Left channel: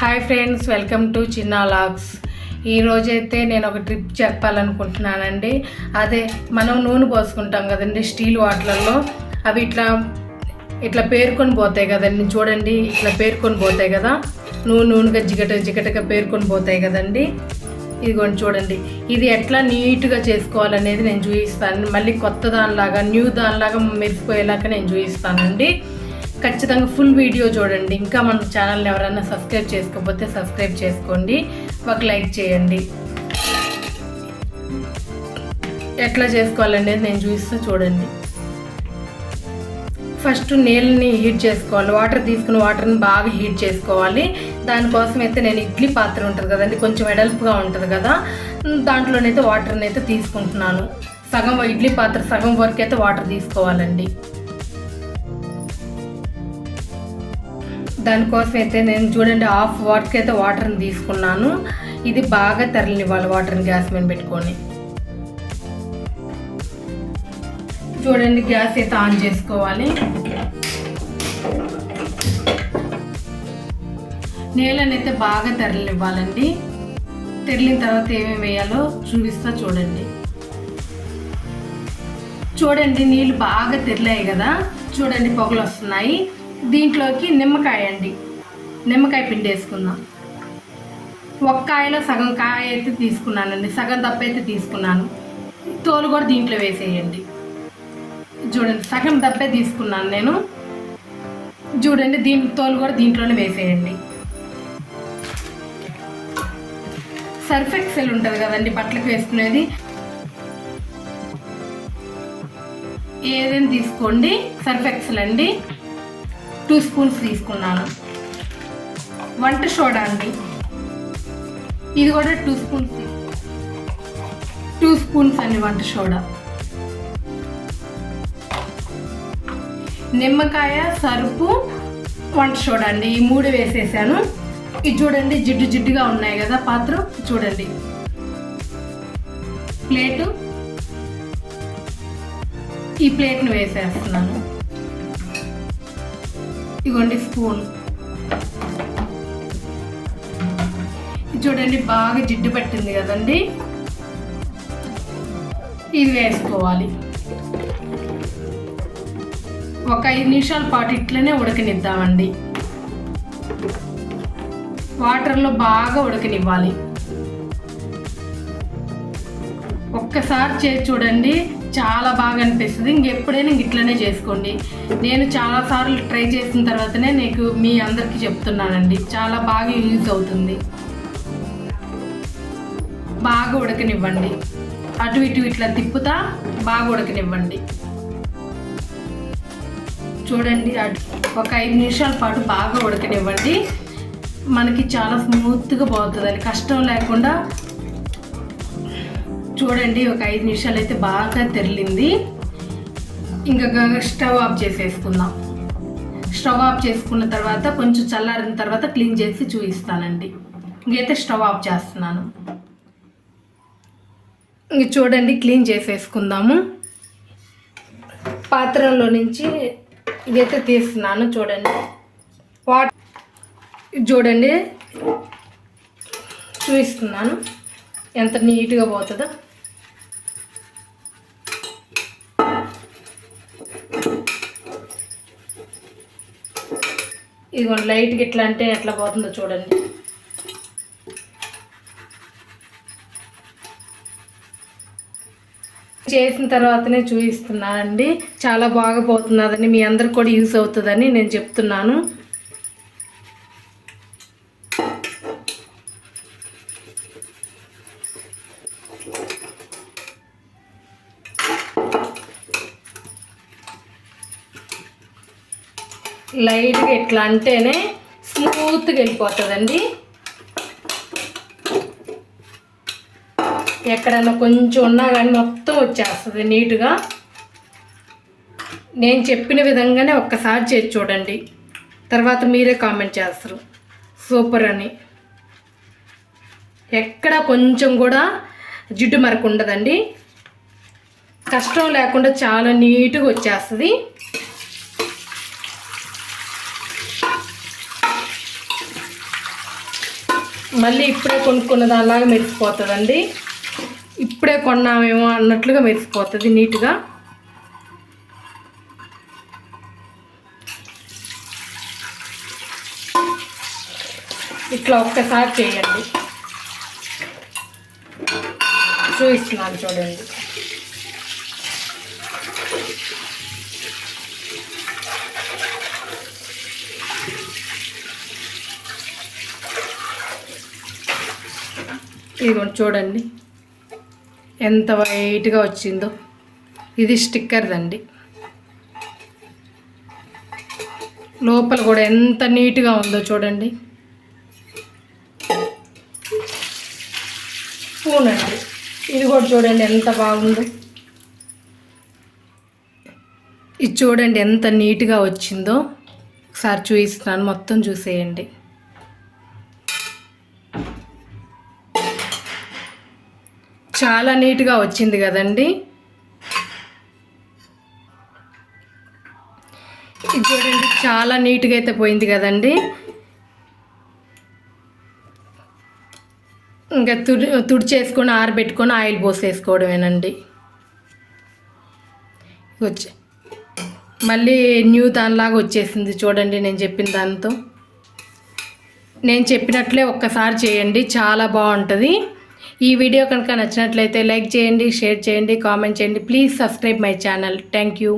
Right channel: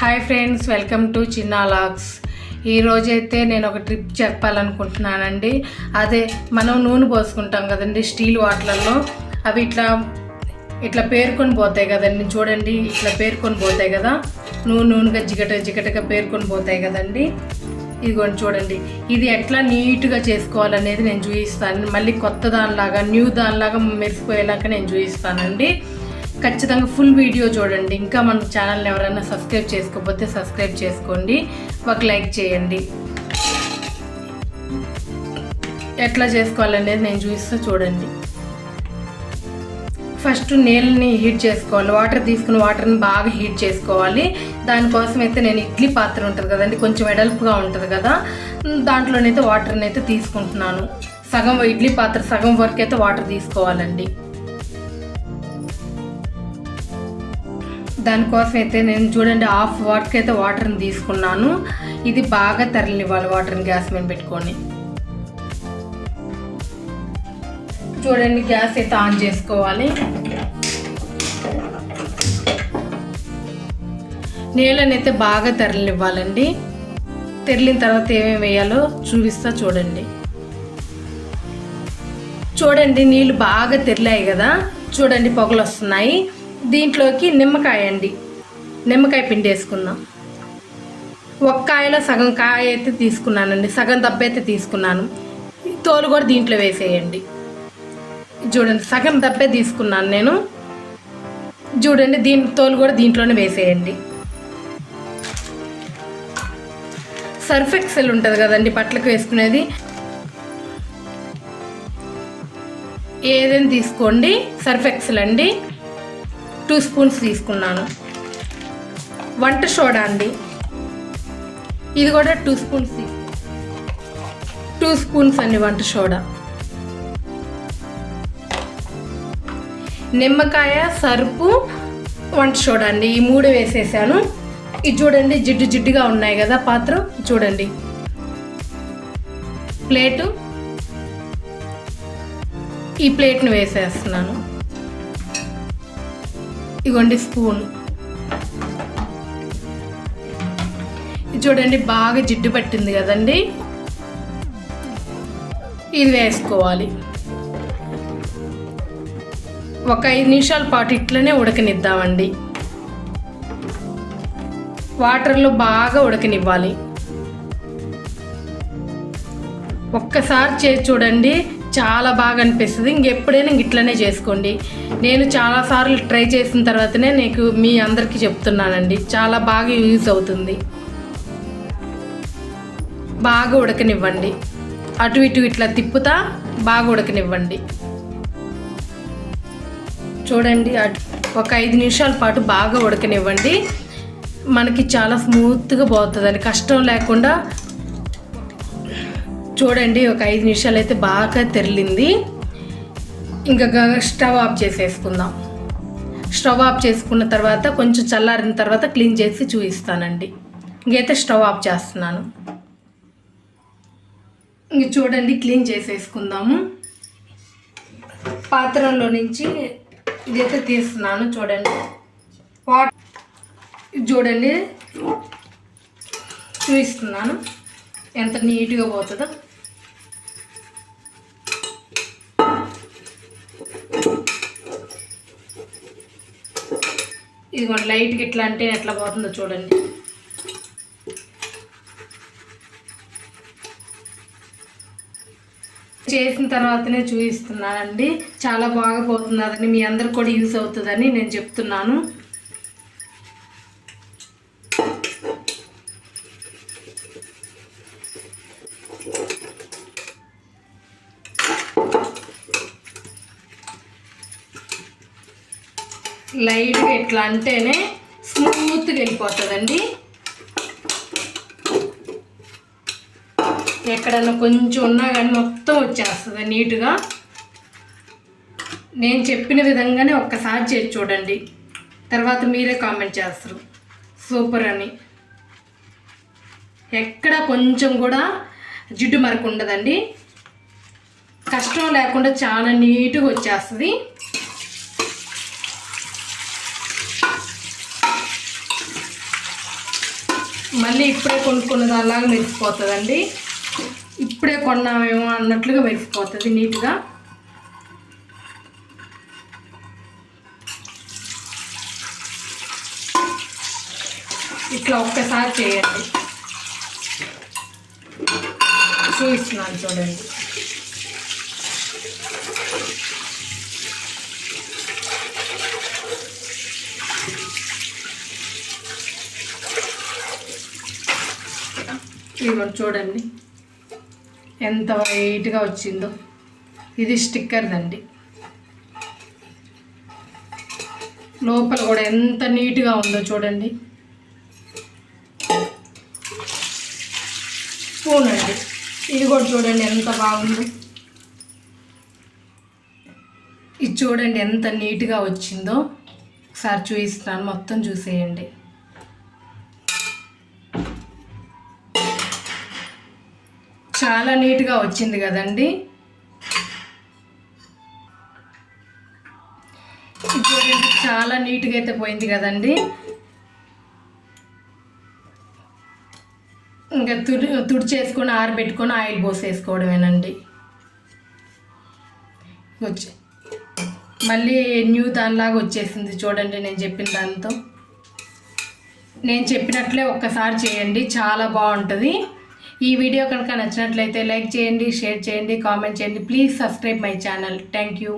Hi friends, welcome to చిన్న logs. ఈరోజైతే నేను ఒక ట్రిప్ చెప్పాలనుకుంటున్నానండి. అదే మనం నూనె పోసుకుంటాం కదండి స్టీల్ వాటర్లలో, అవి ఇట్లా పేరుకొని పోతాయి కదండి. చూడండి, ఇట్లా పేరుకొని పోతాయి కదా, నూనెగా జిగటగా పేరుకొని పోతాయి కదండి. ఇదిగోండి చూడండి, ఇది ఎట్లా నీట్గా చేసుకోవాలనేది నేను చూపిస్తాను. మళ్ళీ కొత్త దానిలాగా న్యూ దానిలాగా మెరిసిపోయేలాగా నేను చూపిస్తానండి. ఖచ్చితంగా ఫుల్ వీడియో చూడండి. ఇంకా మన ఛానల్ని ఎవరైనా సబ్స్క్రైబ్ చేసుకోకపోతే సబ్స్క్రైబ్ చేసుకోండి, ఒక లైక్ చేయండి. ఎట్లా చేసుకోవాలనేది నేను చూపిస్తా చూడండి. ఫస్ట్ నీళ్ళని హీట్ చేసుకోవాలి. వాటర్ తీసుకుని వాటర్ని బాగా హీట్ చేసుకోవాలి. దానికోసం అయితే నేను ఇడ్లీ పాత్ర ఉంటుంది కదండి, కొంచెం వెడల్పుగా ఉంటుంది కదా, దాంట్లోనైతే వాటర్ని అయితే తీసుకుంటున్నాను. ఇడ్లీ పాత్ర సగం వరకు అయితే వాటర్ తీసుకోవాలండి. దానికోసం అయితే నేను చూడండి హాఫ్ వరకు అయితే వాటర్ని తీసుకున్నాను. ఇది బాగా తరలినివ్వాలి వాటర్ని గ్యాస్ మీద పెట్టుకొని. చూడండి, గ్యాస్ అయితే ఆన్ చేసుకోవాలి. నీళ్ళనైతే బాగా తరలినివ్వాలండి. తెరిలిన తర్వాత ఏమేమి వేయాలో చూపిస్తా చూడండి. చూడండి, నీళ్ళు బాగా తెరిలాయి కదా, చూడండి పొగలు వస్తున్నాయి. దీంట్లోకి నిమ్మకాయ పిండి వేసుకుందాం. ఒక కాయలో సగం కాయ అయితే తీసుకున్నానండి, సగం దెబ్బ అయితే తీసుకున్నాను. తోలు కూడా దీంట్లో వేసేయండి. చూడండి, సగం దెబ్బే తీసుకున్నాను నేను. చూడండి, తోలు కూడా దీంట్లోనే వేసేయండి. సర్ఫ్ ఎక్సెల్ ఉంటుంది కదండి బట్టలకు వేసుకునేది, ఏదైనా తీసుకోండి. సర్ఫ్ ఎక్సెల్ అండి, 2 స్పూన్స్ తీసుకున్నాను. వంట సోడా అండి, ఇది కూడా 2 స్పూన్స్ 2 స్పూన్స్ అండి వంట సోడా. నిమ్మకాయ, సరుపు, వంట సోడా అండి, ఈ 3 వేసేసాను. ఇది చూడండి జిడ్డుగా ఉన్నాయి కదా పాత్ర. చూడండి, ఈ ప్లేట్ను వేసేస్తున్నాను. ఇదిగోండి స్పూన్. చూడండి బాగా జిడ్డు పట్టింది కదండి, ఇది వేసుకోవాలి. ఒక 5 నిమిషాల పాటు ఇట్లనే ఉడకనిద్దామండి. వాటర్లో బాగా ఉడకనివ్వాలి. ఒక్కసారి చేసి చూడండి, చాలా బాగా అనిపిస్తుంది. ఇంకెప్పుడైనా ఇట్లనే చేసుకోండి. నేను చాలాసార్లు ట్రై చేసిన తర్వాతనే మీ అందరికీ చెప్తున్నానండి, చాలా బాగా యూజ్ అవుతుంది. బాగా ఉడకనివ్వండి, అటు ఇటు ఇట్లా తిప్పుతా బాగా ఉడకనివ్వండి. చూడండి, ఒక 5 నిమిషాల పాటు బాగా ఉడకనివ్వండి. మనకి చాలా స్మూత్గా పోతుందండి, కష్టం లేకుండా. చూడండి, ఒక 5 నిమిషాలు అయితే బాగా తెరిలింది. ఇంకా స్టవ్ ఆఫ్ చేసేసుకుందాం. స్టవ్ ఆఫ్ చేసుకున్న తర్వాత కొంచెం చల్లారిన తర్వాత క్లీన్ చేసి చూపిస్తానండి. ఇంకైతే స్టవ్ ఆఫ్ చేస్తున్నాను. ఇంక చూడండి, క్లీన్ చేసేసుకుందాము. పాత్రలో నుంచి ఇదైతే తీస్తున్నాను. చూడండి, చూడండి చూపిస్తున్నాను ఎంత నీట్గా పోతుందో. ఇదిగోండి, లైట్గా ఎట్లా అంటే ఎట్లా పోతుందో చూడండి. చేసిన తర్వాతనే చూపిస్తున్నానండి. చాలా బాగా పోతున్నదని, మీ అందరికి కూడా యూస్ అవుతుందని నేను చెప్తున్నాను. లైట్గా ఎట్లా అంటేనే స్మూత్గా వెళ్ళిపోతుందండి. ఎక్కడన్నా కొంచెం ఉన్నా కానీ మొత్తం వచ్చేస్తుంది నీట్గా. నేను చెప్పిన విధంగానే ఒక్కసారి చేసి చూడండి, తర్వాత మీరే కామెంట్ చేస్తారు సూపర్ అని. ఎక్కడ కొంచెం కూడా జిడ్డు మరకు ఉండదండి, కష్టం లేకుండా చాలా నీట్గా వచ్చేస్తుంది. మళ్ళీ ఇప్పుడే కొనుక్కున్న దానిలాగా మెరిసిపోతుందండి. ఇప్పుడే కొన్నామేమో అన్నట్లుగా మెరిసిపోతుంది నీట్గా. ఇట్లా ఒక్కసారి చేయండి, చూపిస్తున్నాను చూడండి. ఇదిగోండి చూడండి ఎంత వైట్గా వచ్చిందో. ఇది స్టిక్కర్దండి. లోపల కూడా ఎంత నీట్గా ఉందో చూడండి. స్పూన్ అండి, ఇది కూడా చూడండి ఎంత బాగుందో. ఇది చూడండి ఎంత నీట్గా వచ్చిందో. ఒకసారి చూపిస్తున్నాను, మొత్తం చూసేయండి. చాలా నీట్గా వచ్చింది కదండి. ఇది చూడండి చాలా నీట్గా అయితే పోయింది కదండి. ఇంకా తుడిచేసుకొని ఆరబెట్టుకొని ఆయిల్ పోసేసుకోవడమేనండి. వచ్చి మళ్ళీ న్యూ దానిలాగా వచ్చేసింది చూడండి. నేను చెప్పిన దాంతో నేను చెప్పినట్లే ఒక్కసారి చేయండి, చాలా బాగుంటుంది. ఈ వీడియో కనుక నచ్చినట్లయితే లైక్ చేయండి, షేర్ చేయండి, కామెంట్ చేయండి. Please subscribe my channel. Thank you.